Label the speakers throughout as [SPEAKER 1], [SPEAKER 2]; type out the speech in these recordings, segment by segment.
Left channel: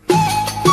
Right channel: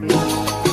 [SPEAKER 1] Mm-hmm.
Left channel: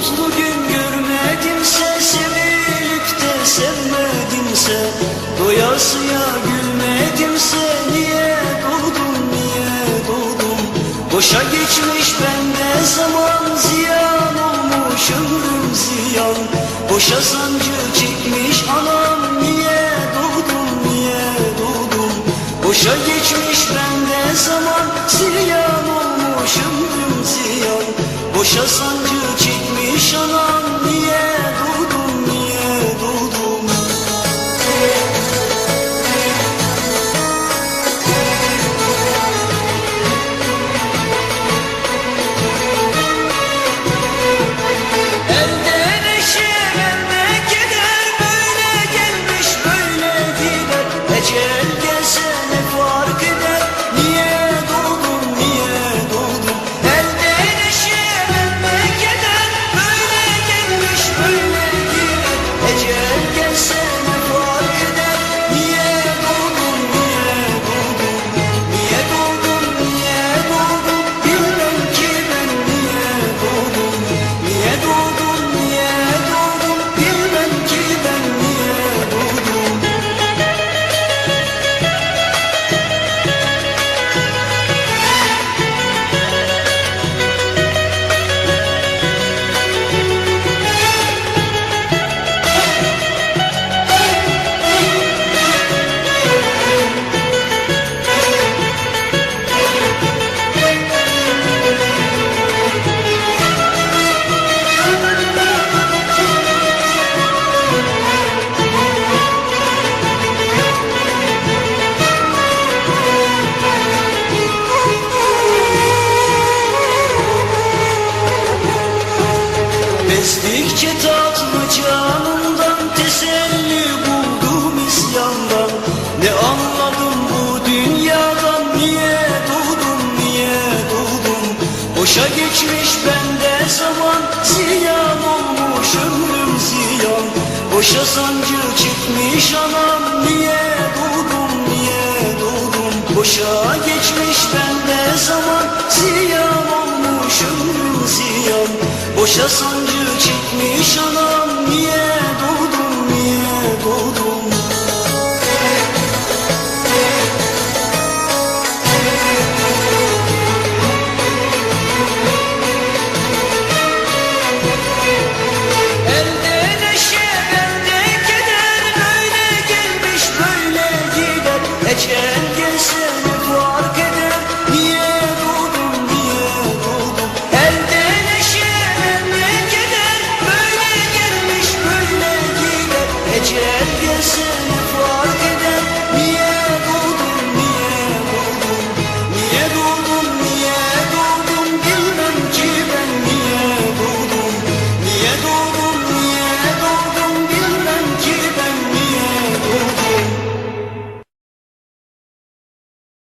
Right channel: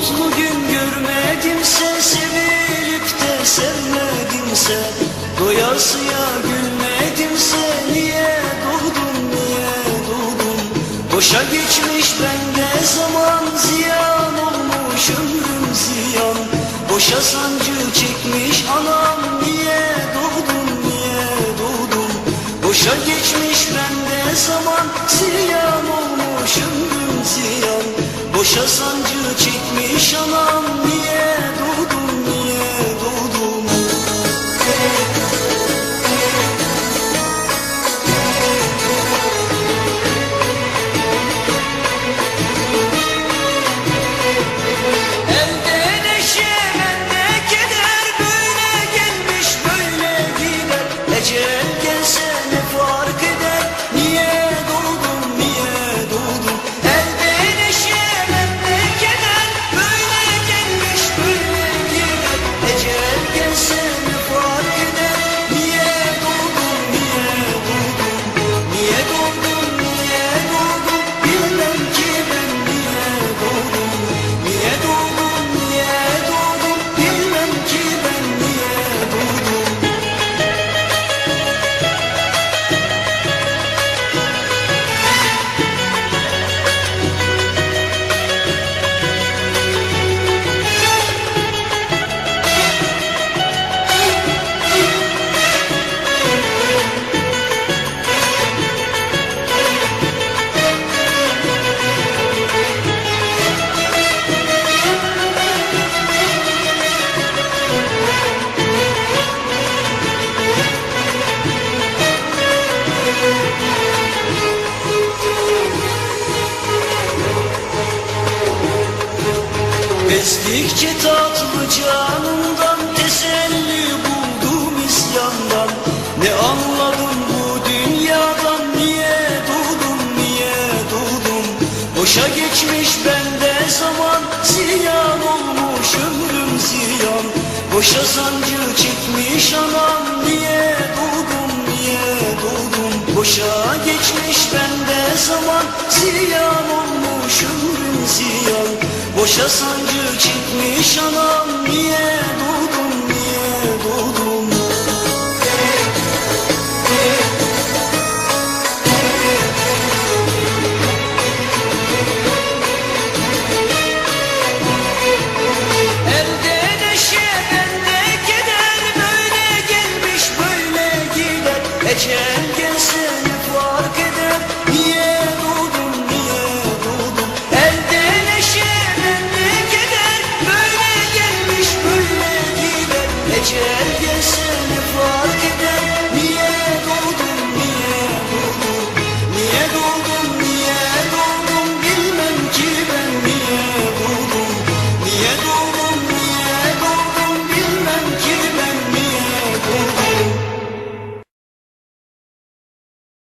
[SPEAKER 1] Mutlu gün görmedimse Sevilip de sevmedimse Doyasıya gülmedimse Niye doğdum niye doğdum Boşa geçmiş bende zaman Ziyan olmuş ömrüm ziyan. Boşa sancı çekmiş anam Niye doğdum niye doğdum Boşa geçmiş bende zaman Ziyan olmuş ömrüm ziyan Boşa sancı çekmiş anam Niye Bezdikçe tatlı canımdan teselli buldum isyandan. Ne anladım bu dünyadan niye doğdum niye doğdum? Boşa geçmiş bende zaman ziyan olmuş ömrüm ziyan. Boşa sancı çekmiş anam niye doğdum niye doğdum? Boşa geçmiş bende zaman ziyan olmuş ömrüm ziyan Boşa sancı çekmiş anam niye doğdum niye doğdum Elde neşe bende Böyle gelmiş böyle gider. Ecel gelse fark eder Sen hep varken